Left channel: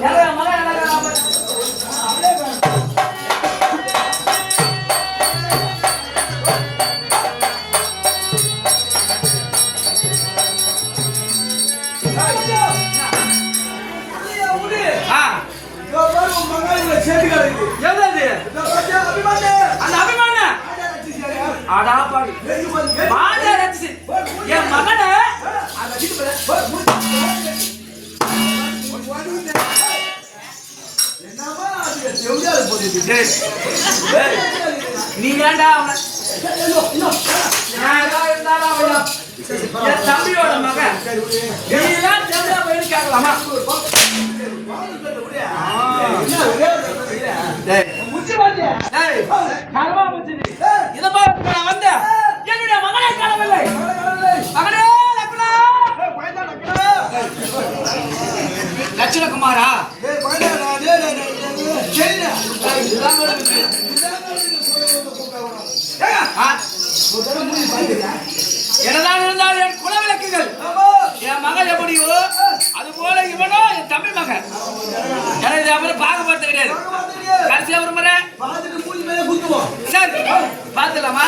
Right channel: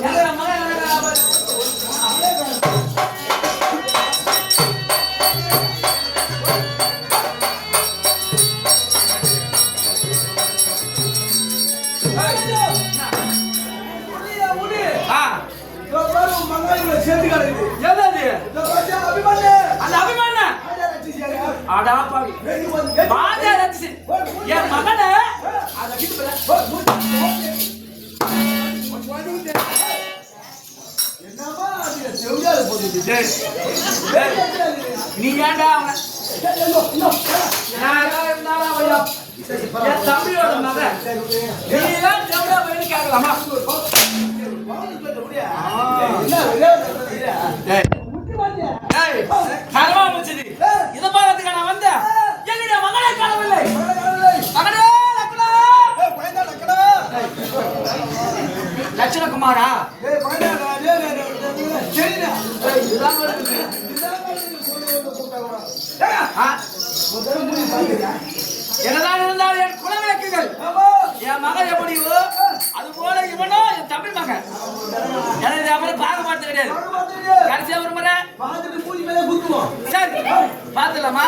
ಹೇಳ நீ ஏண்டா அவன தம்பியோட மகன் நீ எல்லாம் தெரிஞ்சா வெளியே கேட்கலாமா கரவா வச்சது இதை பாக்கிறதுக்கு நான் வந்தேன் என்னுடைய என்னதான் இருந்தால் என் குல விளக்குகள் என் மகள் எப்படியோ அது போல இவனோ என் தமிழ் மகன் எனக்கு அப்புறம் பார்க்க பார்த்து கிடையாது கடைசியா ஒரு முறை. பார்த்துட்டு பூஜை மேலே குத்துவோம். சரி பார்த்துக்கலாமா?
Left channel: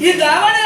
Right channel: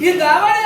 E dava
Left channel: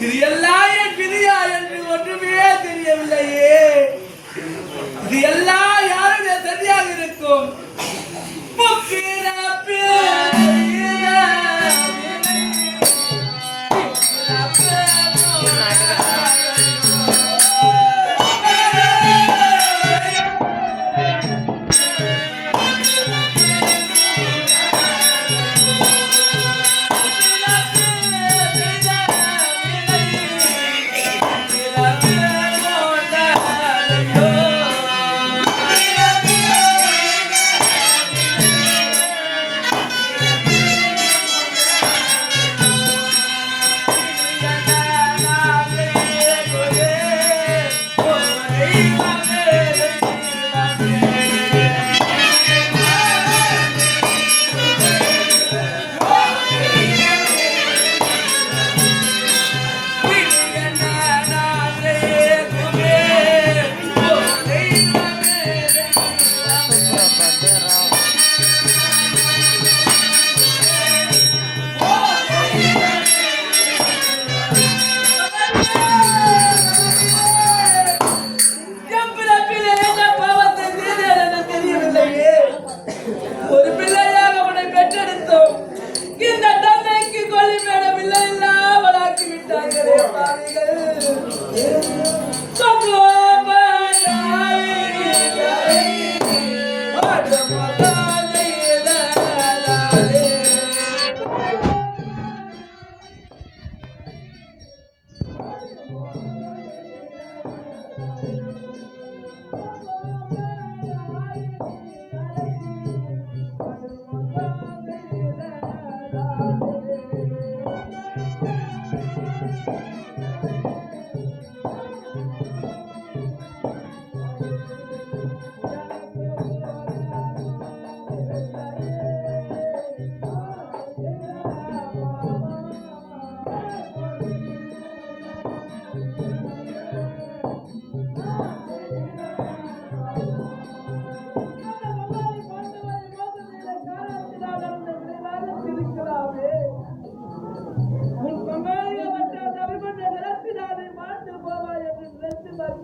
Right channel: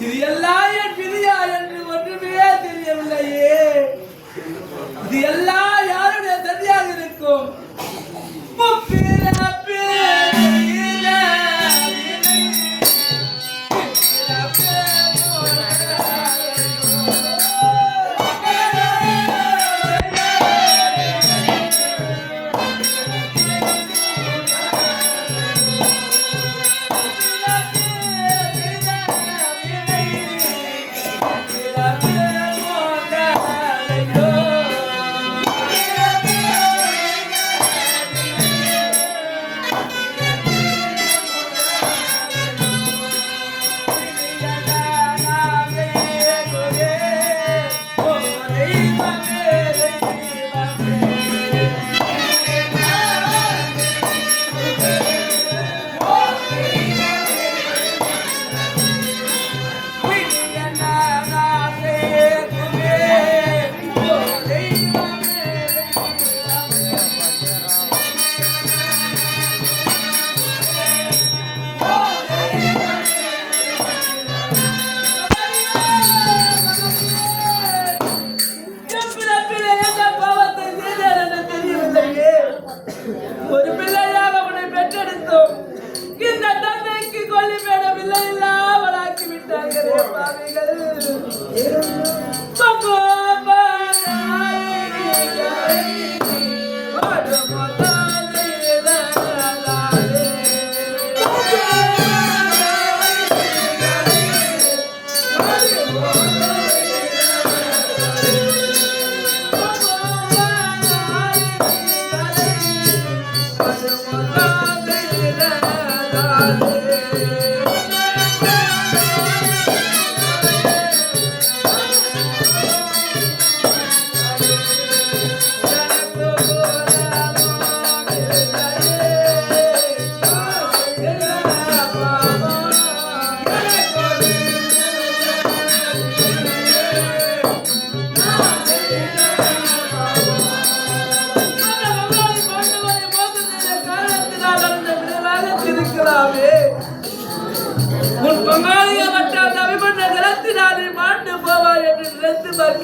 இது எல்லாம் என் விதியா என்று ஒன்றுமே தெரியவில்லையே. இது எல்லாம் யாருடைய சரியாக இருக்கும்?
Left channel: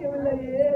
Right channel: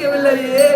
கிடைக்கவில்லையே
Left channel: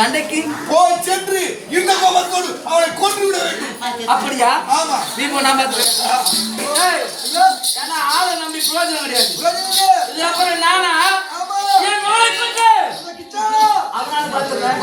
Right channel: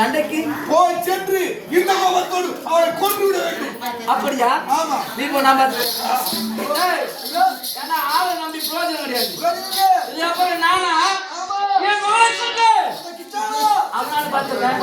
சண்டைக்கு போய் சென்று இந்த கோபத்தோடு அவளை கொண்டு விட வேண்டும். அப்படியா? ஆமா. நீ போனா ஏன்னா ஆளு நம்பி புரோஜனம் கிடையாது. இது அப்புறம் நானா? அதனால பாத்துக்கிறேன்